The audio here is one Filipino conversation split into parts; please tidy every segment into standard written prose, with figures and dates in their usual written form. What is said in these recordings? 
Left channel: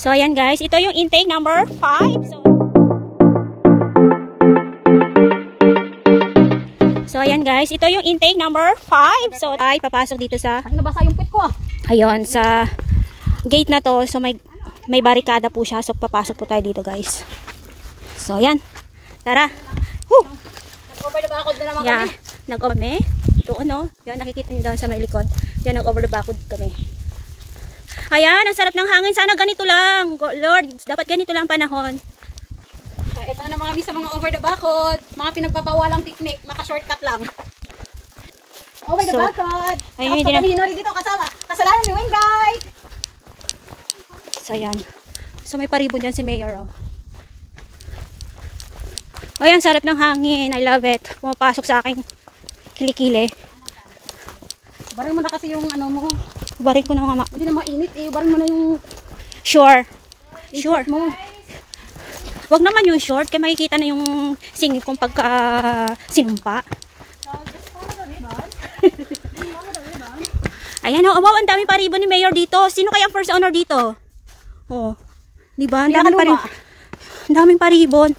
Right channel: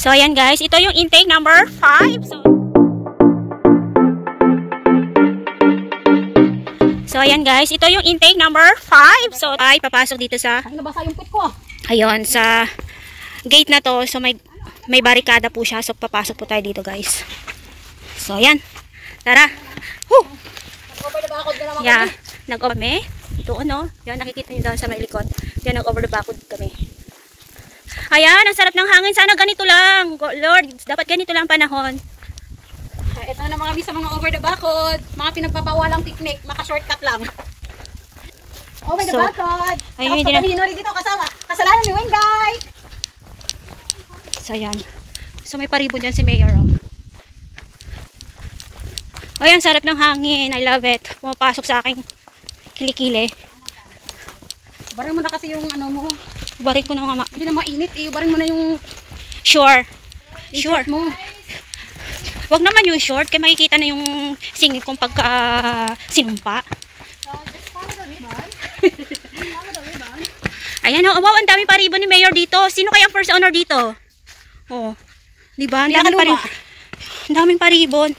So, ayan guys. Ito yung intake number 5. So, ayan guys. Ito yung intake number 5. So, ay papasok dito sa... Ay, nabasa yung pit ko. Ayun, sa gate na to. So, may barikada po siya. So, papasok po tayo dito guys. So, ayan. Tara. Woo! Nag-over the backwood na naman Yeah. kami. Nag-over kami. Doon, no? Yan, nakikita nyo doon sa may likod. Yan, nag-over the backwood kami. Ayan, ang sarap ng hangin. Sana ganito lang. Lord, dapat ganito lang panahon. Ito na mga sa mga over the backwood. Mga pinagpapawalang picnic. Maka-shortcut lang. Over the backwood. Ayun, hindi na. Dito kasama. Kasalanan ni Wengay. So, ayan. So, may paribon dyan si Mayor. Oh. Ayan, sarap ng hangin. I love it. Pumapasok sa aking kilikili. Barin mo na kasi yung ano mo. Barin ko na mga Hindi na mainit eh. Barin mo na yung Sure. Sure. mo. Wag naman yung short. Kaya makikita na yung singit kong pagka sinumpa. Ayan o. Wow, ang daming paribon ni Mayor dito. Sino kaya ang first honor dito? Oh. Diba? Ang daming paribon. Ang daming paribon.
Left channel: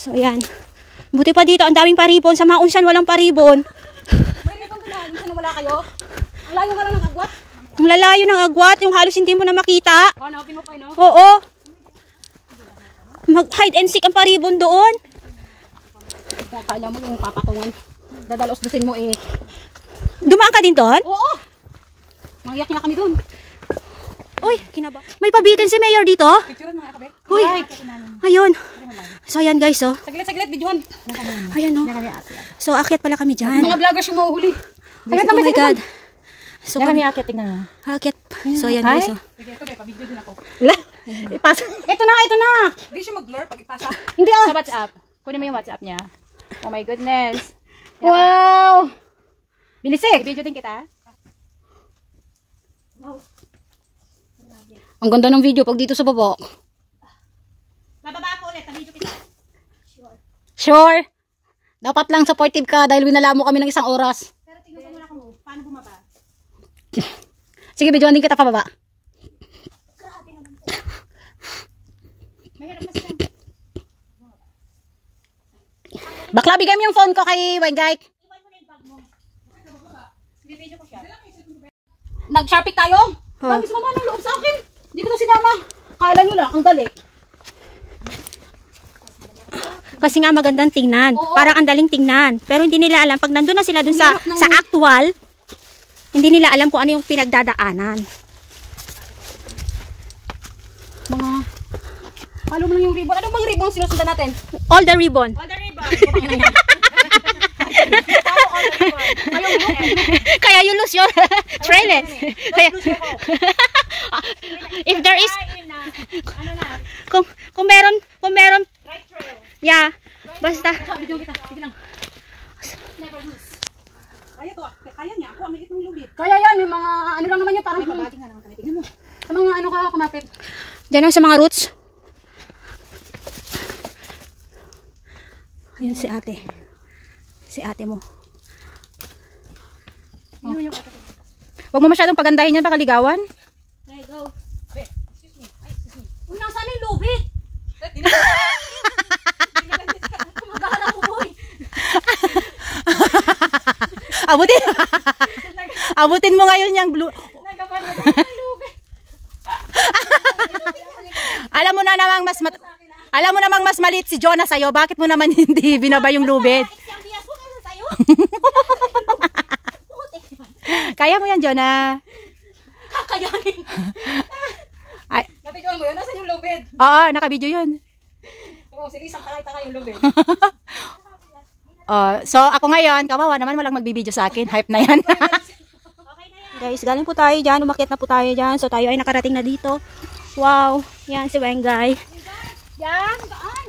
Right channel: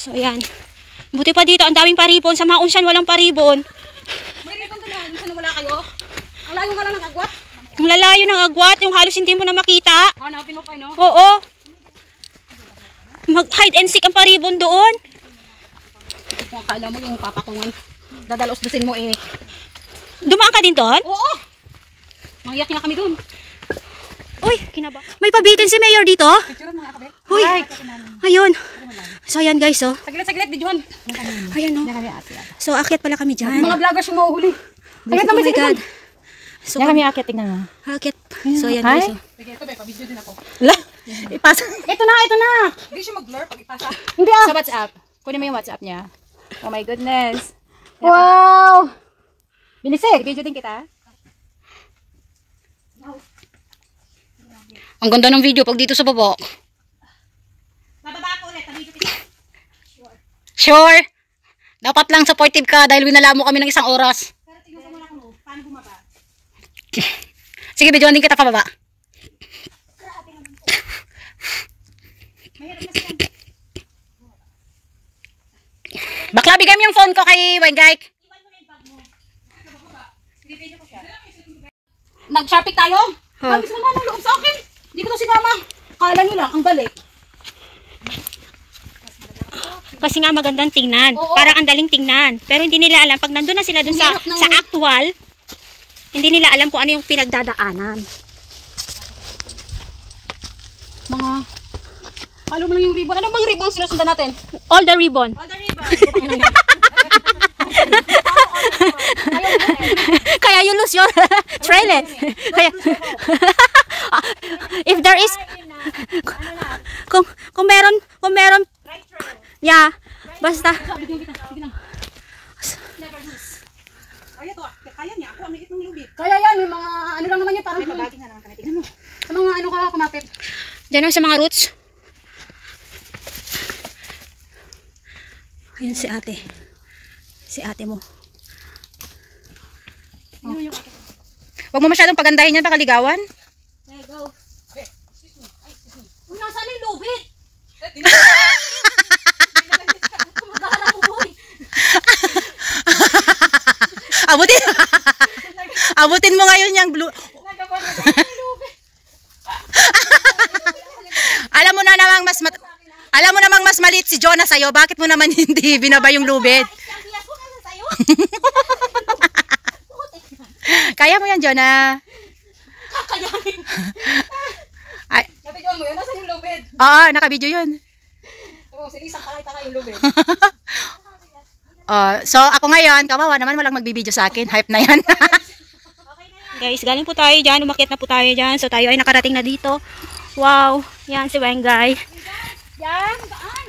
So, ayan. Buti pa dito, ang daming paribon. Sa mga unsyan, walang paribon. May ribbon doon na. Saan wala kayo? Ang layo nga lang ng agwat. Ang lalayo ng agwat, yung halos hindi mo na makita. Hanapin mo kayo, no? Oo. Mag-hide and seek ang paribon doon. Kung akala mo yung papakungan. Dadalos-dusin mo eh. Dumaan ka din doon? Oo! Mangiyak na kami doon. Uy, kinaba. May pabitin si Mayor dito. Picture mo nga kabe. Uy, ayun. So, ayan guys, oh. Saglit, videohan. Ayan, oh. So, akyat pala kami dyan. Mga vloggers yung mahuhuli. Oh my God. So, kami akyat, tingnan mo. akyat. So, ayan guys, oh. Sige, ito ba, pa-video din ako. La, ipasa. Ito na. Hindi siya mag-blur pag ipasa. Hindi ah. Sa WhatsApp. Kunin mo yung WhatsApp niya. Oh my goodness. Wow! Binisik. Video din kita. Ang ganda ng video pag dito sa baba. Bababa ko ulit. Video kita. Sure. Dapat lang supportive ka dahil winala mo kami ng isang oras. Pero tingnan ko muna kung paano bumaba. Sige, videoan din kita pababa. Bakla, bigay mo yung phone ko kay Wengay. Nag-shopping tayo? Kami sumama ng loob sa akin. Hindi ko na sinama. Kala nyo lang, ang galing. Kasi nga magandang tingnan. Oo. Parang ang daling tingnan. Pero hindi nila alam. Pag nandun na sila dun sa actual, hindi nila alam kung ano yung pinagdadaanan. Mga... Halo mo lang yung ribbon. Ano bang ribbon ang sinusundan natin? All the ribbon. All the ribbon. Kaya you lose your trail eh. Kaya, if there is, kung meron, yeah, basta. Kaya yan, yung mga ano lang naman yun, parang sa mga ano ka kumapit. Diyan lang sa mga roots. Ayan si ate. Si ate mo. Oh. Huwag mo masyadong pagandahin yan, baka ligawan. Okay, go. Nasaan yung lubid? Kumagala ko, boy. Abutin mo ngayon yung blue. Alam mo namang mas maliit si Jonah sa'yo. Bakit mo naman hindi binaba yung lubid? Kaya mo yan, Jonah. Kakayanin. Ay. Nabidyoan mo yun? Nasaan yung lubid? Oo, nakabidyo yun. Oo, si Lisa takay-takay yung lubid. So, ako ngayon, kawawa naman walang magbibideo sa akin. Hype na yan. Guys, galing po tayo dyan. Umakyat na po tayo dyan. So, tayo ay nakarating na dito. Wow. Yan si Wengay. Yan, saan?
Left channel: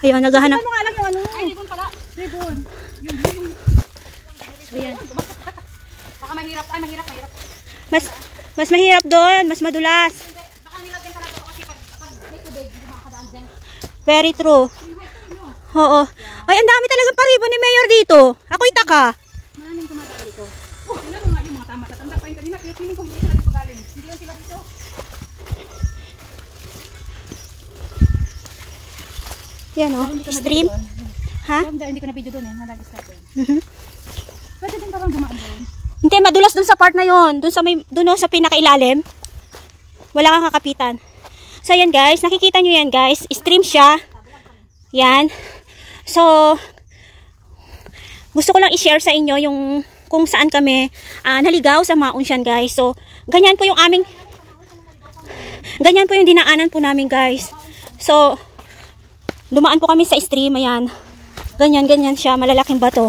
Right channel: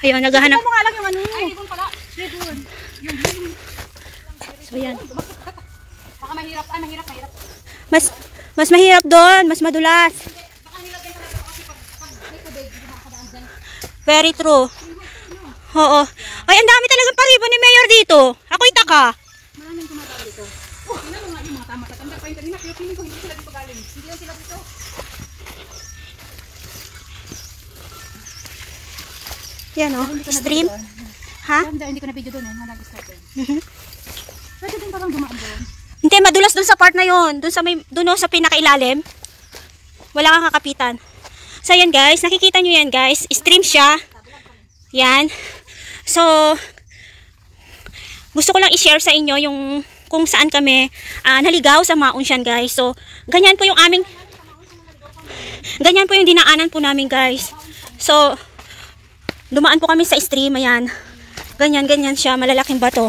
Ayun, naghahanap. Ano nga lang yung ano? Ay, ribbon pala. Ribbon. Ayan. Baka mahirap. Ay, mahirap. Mas mahirap doon. Mas madulas. Baka nilagyan pala ito kasi pag may tubig, hindi makakadaan dyan. Very true. Oo. Ay, ang dami talagang paribo ni Mayor dito. Ako'y taka. Maraming gumawa dito. Tingnan mo nga yung mga tama. Tatanda pa yun kanina. Pero feeling ko hindi sila dito galing. Hindi lang sila dito. Yan o, stream. Ha? Hindi ko na video doon eh. Nag-start doon. Mhm. Pwede din parang dumaan doon. Hindi, madulas dun sa part na yon. Dun sa pinakailalim. Wala kang kakapitan. So, yan guys. Nakikita nyo yan guys. Stream siya. Yan. So, gusto ko lang i-share sa inyo yung kung saan kami naligaw sa Maunsian guys. So, ganyan po yung dinaanan po namin guys. So, dumaan po kami sa stream. Ayan. Ganyan siya. Malalaking bato.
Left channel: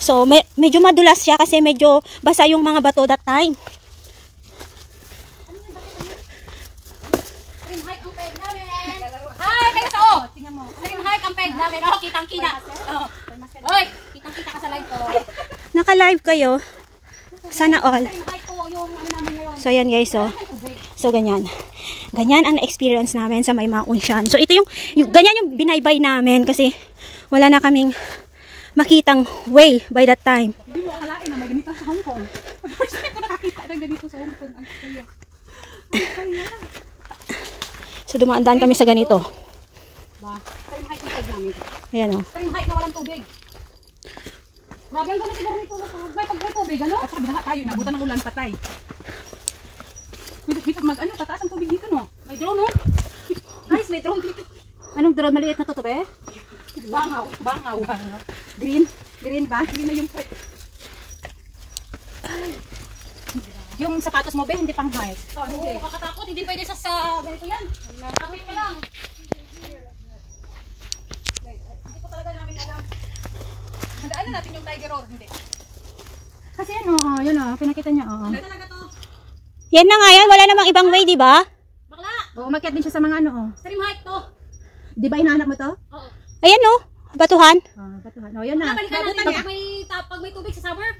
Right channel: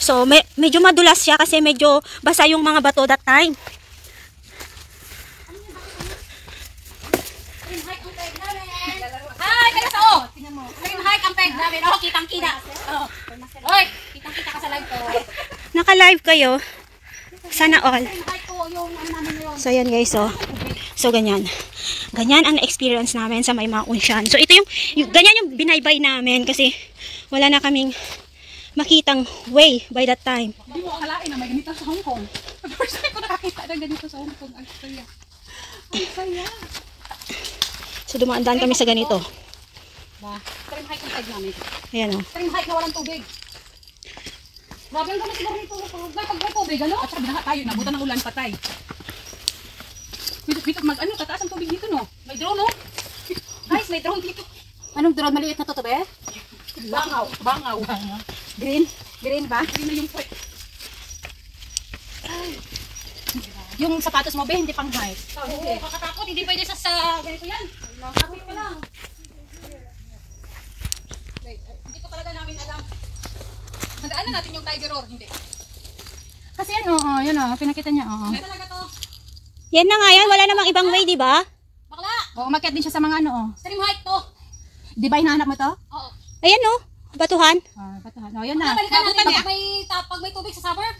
So, medyo madulas siya kasi medyo basa yung mga bato that time. Hi, kayo sa o. Tingnan mo. Yung hike ang peg namin. Oh, kitang-kita. Oh. Oy, kitang-kita ka sa live ko. Naka-live kayo. Sana all. Yung hike ko, yung ano namin ngayon. So, yan guys. So, ganyan. Ganyan ang experience namin sa may Maunsian. So, ito ganyan yung binaybay namin kasi wala na kaming makitang way by that time. Hindi mo akalain na may ganito sa Hong Kong. First time ko nakakita na ganito sa Hong Kong. Ang saya. Ang saya. So, dumaan-daan kami sa ganito. Ba, stream hike ang peg namin. Ayan o. Stream hike na walang tubig. Grabe ang gamit siguro nito. Pag may tubig, ano? At saka binaha tayo. Nabutan ng ulan patay. Dito mag-ano, tataas ang tubig dito no. May drone, no? Guys, may drone dito. Anong drone? Maliit na to be? Bangaw. Green. Green ba? Hindi na yung point. Yung sapatos mo, be, hindi pang hike. Hindi. Kakatakot, hindi pwede sa ganito yan. Kapit ka lang. Hindi ko talaga namin alam. Handaan na natin yung tiger roar. Hindi. Kasi ano, yun o, pinakita niya, oo. Hindi talaga to. Yan na nga yan. Wala namang ibang way, di ba? Bakla! O, umakyat din siya sa mga ano o. Stream hike to. Di ba hinahanap mo to? Oo. Ayan o. Batuhan. Batuhan. O, yan na. Balikan natin Babutan niya. pag may tubig sa summer.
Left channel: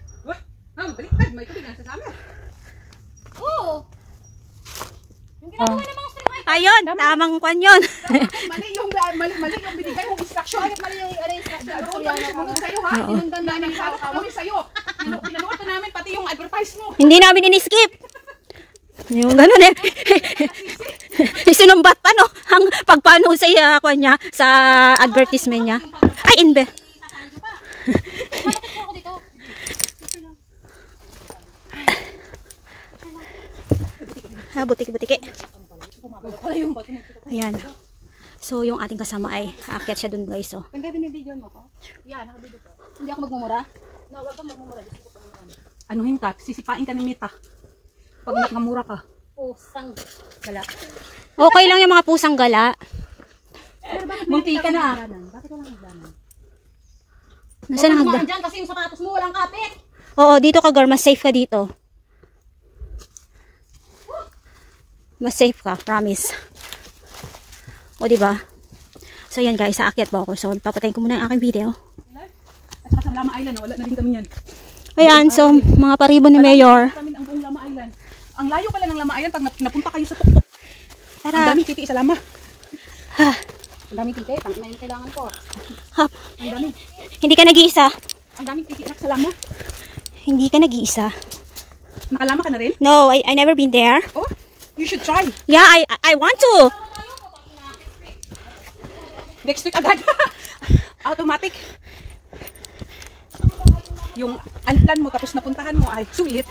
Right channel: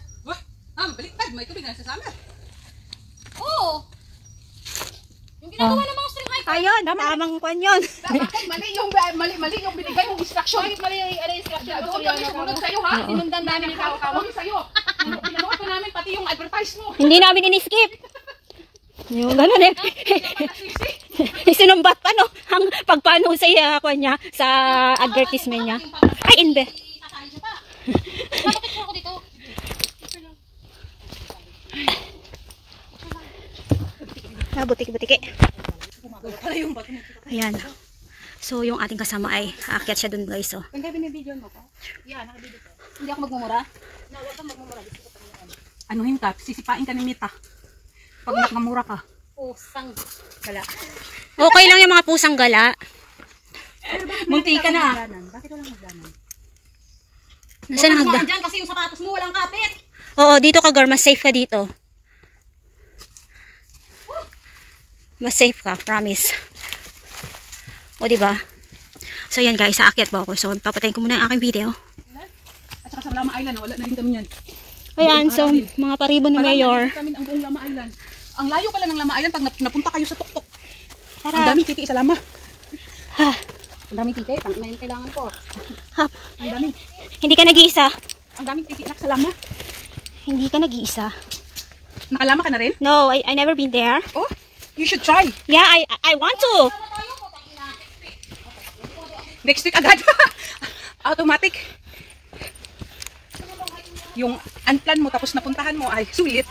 Baliktad. May tubig na sa summer. Oo. Yung ginagawa ng mga stream hike. Ayun. Tamang kwan yun. Mali yung binigay mong instruction. Mali yung instruction. Doon kami sumunod sa'yo ha. Sinundan namin yung kawa-kawa sa'yo. Pinanood ko namin pati yung advertise mo. Hindi namin in-skip. Yung ganun eh. Sinumbat pa no. Ang pagpano sa kwan niya. Sa advertisement niya. Ay, inbe. Sasali siya pa. Bakit po ako dito? Butiki-butiki. Ayan. So, yung ating kasama ay aakyat siya dun guys. So. Kung binibidyo mo ko? Yeah, nakabidyo ko. Hindi ako magmumura? No, wag kang magmumura. Ano yung tat? Sisipain ka ng mita. Pag nakamura ka. Pusang gala. Okay lang yung mga pusang gala. Munti ka na. Bakit walang hagdanan? Nasaan ang hagda? Dyan kasi yung sapatos mo walang kapit. Oo, dito ka girl. Mas safe ka dito. Mas safe ka. Promise. O, diba? So, yan guys. Aakyat ba ako? So, papatayin ko muna ang aking video. At saka sa Lama Island, wala na rin kami yan. Ayan. So, mga paribo ni Mayor. Kami ang buong Lama Island. Ang layo pala ng Lama Island pag napunta kayo sa tuktok. Ang Tara. dami titi sa Lama. Ang daming titi. Ang na yung kailangan ko. Hop. Ang dami. Hindi ka nag-iisa. Ang daming titi sa Lama. Hindi ka nag-iisa. Nakalama ka na rin? No, I never been there. Oh, you should try. Yeah, I want to. Next week agad. Automatic. Yung unplan mo tapos napuntahan mo ay sulit.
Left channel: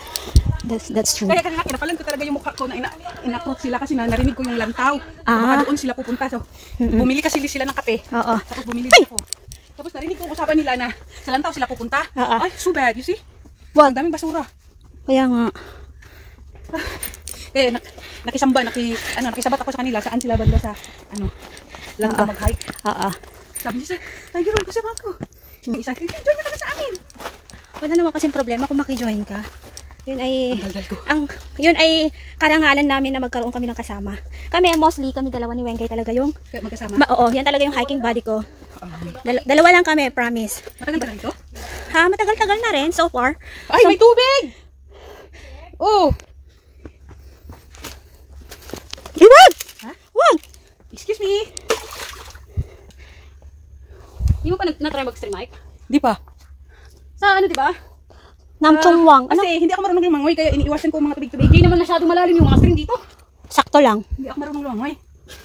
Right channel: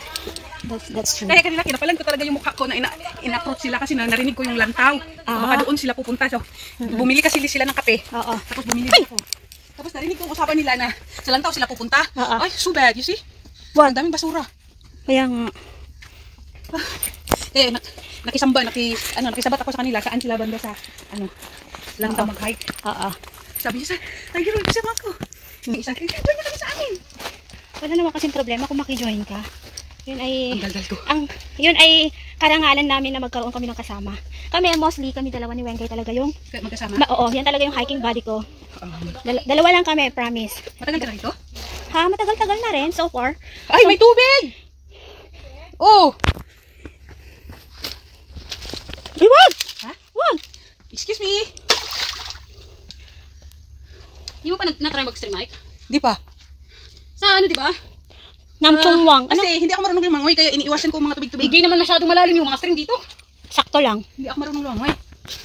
That's true. Kaya kanina kinapalan ko talaga yung mukha ko na in-approach sila kasi narinig ko yung lantaw. Baka doon sila pupunta. So, bumili kasi sila ng kape. Oo. Tapos bumili ako. Tapos narinig ko yung usapan nila na sa lantaw sila pupunta. Oo. Ay, so bad, you see? Wag. Ang daming basura. Kaya nga. Eh, nakisabat ako sa kanila. Saan sila banda sa, lantaw mag-hike. Oo. Sabi niya, Tiger Road, kasama ko. Yung isa, join ka naman sa amin. Wala naman kasing problema kung makijoin ka. Yun ay, Ang daldal ko. yun ay karangalan namin na magkaroon kami ng kasama. Kami, mostly, kami dalawa ni Wengay talaga yung, Kaya magkasama. oo, yan talaga yung hiking buddy ko. Dalawa lang kami, promise. Matagal ka na ito? Ha, matagal-tagal na rin, so far. Ay, may tubig! Oh! Wag! Ha? Wag! Excuse me! Hindi mo pa na-try mag-stream, Mike? Di pa. Sa ano, di ba? Namchungwang. Ano? Kasi hindi ako marunong lumangoy, kaya iniiwasan ko ang mga tubig-tubig. Hindi naman masyadong malalim yung mga stream dito. Sakto lang. Hindi ako marunong lumangoy.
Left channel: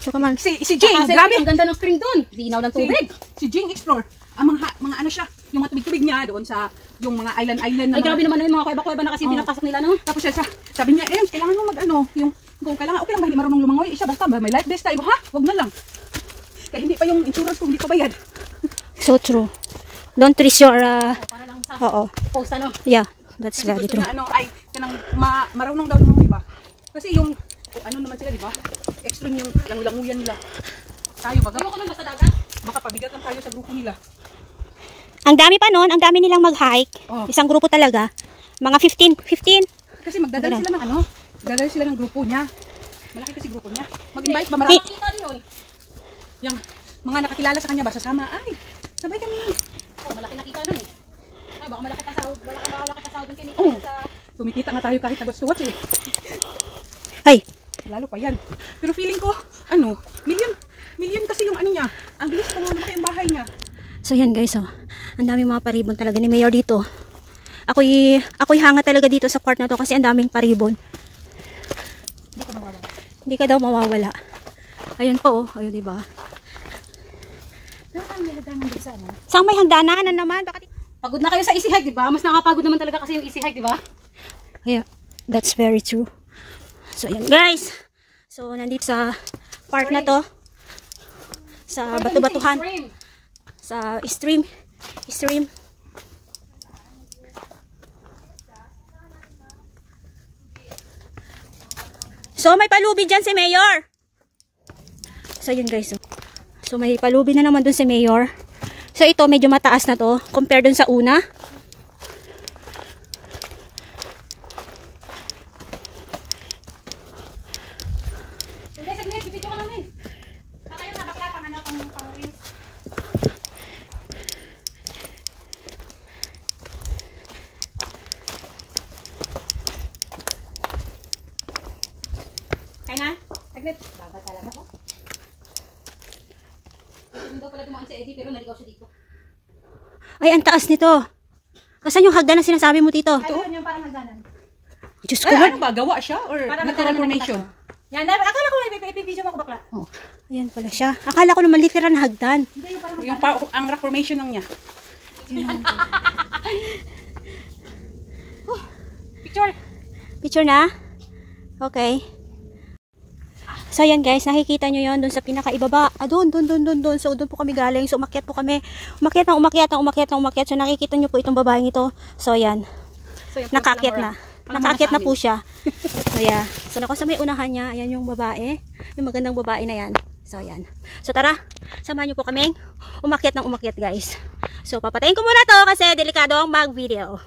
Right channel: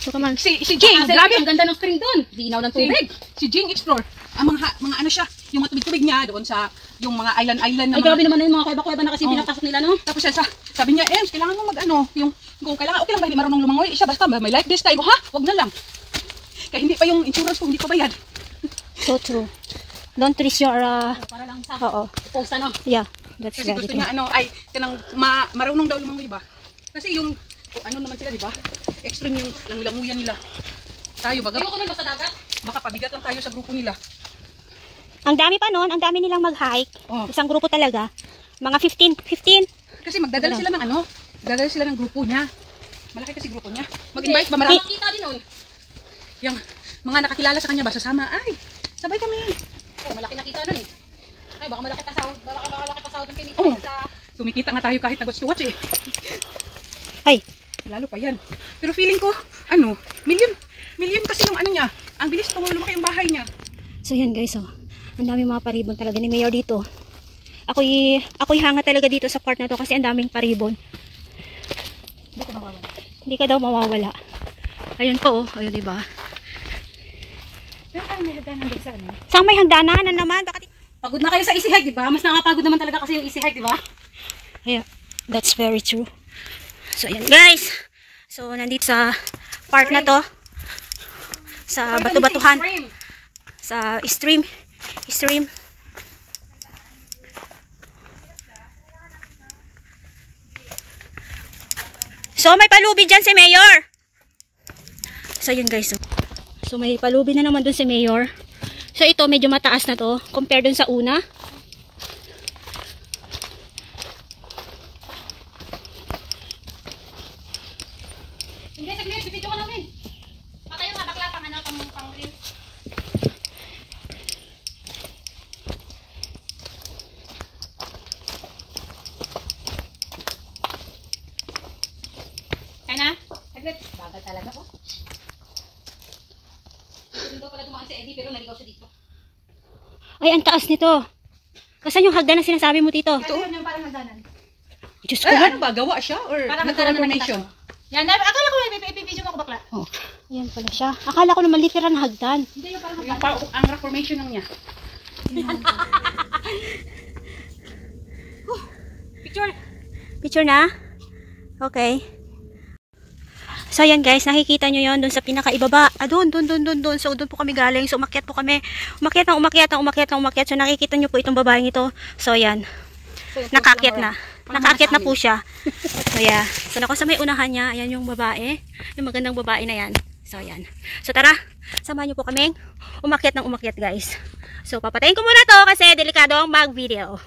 So, come on. Si Jing, Kasi grabe. ang ganda ng stream doon. Dinaw ng tubig. Si Jing Explore. Ang mga ano siya, yung mga tubig-tubig niya doon sa yung mga island na Ay, grabe naman na yung mga kuweba-kuweba na kasi pinapasok nila, no? Tapos siya, sabi niya, kailangan mo yung kung kailangan, okay lang ba hindi marunong lumangoy? Siya, basta may life this time. Ha? Wag na lang. Kaya hindi pa yung insurance ko, hindi pa bayad. So true. Don't risk your, Para lang sa oo. post, ano? Yeah, that's Kasi very gusto true. niya, marunong daw lumangoy ba? Kasi yung, ano naman sila, di ba? Extreme yung languyan nila. Tayo, baga, Ayoko naman basta dagat. baka pabigat lang tayo sa grupo nila. Ang dami pa nun, ang dami nilang mag-hike. Oh. Isang grupo talaga. Mga 15. Kasi magdadala sila ng magdadala sila ng grupo niya. Malaki kasi grupo niya. Mag-invite ba marami? Kita din nun. Yung mga nakakilala sa kanya ba sasama? Ay, sabay kami. Oh, malaki nakita nun eh. Ay, baka malaki pa sahod. Baka malaki pa sahod yung kinita Oh. sa... Tumikita nga tayo kahit nag-watch to watch eh. Ay, Lalo pa yan. Pero feeling ko, million kasi yung ano niya. Ang bilis kung lumaki yung bahay niya. so yan guys, oh. Ang daming mga paribon talaga ni Mayor dito. Ako'y hanga talaga dito sa part na to kasi ang daming paribon. Hindi ka daw mawawala. Ayun po, oh. Ayun, diba? Pero parang nilagay nandun sa ano? Saan may hagdanan na naman? Bakit? Pagod na kayo sa easy hike, di ba? Mas nakapagod naman talaga kasi yung easy hike, di ba? Yeah, that's very true. So, yan guys. So, nandito sa part na to. Sa batu-batuhan. Sa stream. So, may palubi dyan si Mayor. So, yun guys. So, may palubi na naman dun si Mayor. So, ito medyo mataas na to. Compare dun sa una. Sige, bibidyo ka namin. Patayo nga bakla pang ano, pang rin. Kaya na? Saglit. Bagal talaga ko. Hindi daw pala dumaan si Eddie pero naligaw siya dito. Ay, ang taas nito. Saan yung hagdan na sinasabi mo, Tito? Ito yun yung parang nagdanan. Diyos ko, Ay, Lord. ano ba? Gawa siya? Or Parang nagkaroon nagkaroon ng ng nation? Yan, akala ko ipipidyo mo ko bakla. Ayan pala siya. Akala ko naman literal na hagdan. Hindi yung parang Yung ang rock formation lang niya. picture. Picture na? Okay. So, ayan guys, nakikita nyo yon dun sa pinakaibaba. Doon. So, doon po kami galing. So, umakyat po kami. Umakyat. So, nakikita nyo po itong babaeng ito. So, ayan. Nakakyat na. Nakaakyat na po siya. So, yeah. So, sa may unahan niya, ayan yung babae. Yung magandang babae na yan. So, ayan. So, tara. Samahan nyo po kaming umakyat guys. So, papatayin ko muna to kasi delikado ang mag-video.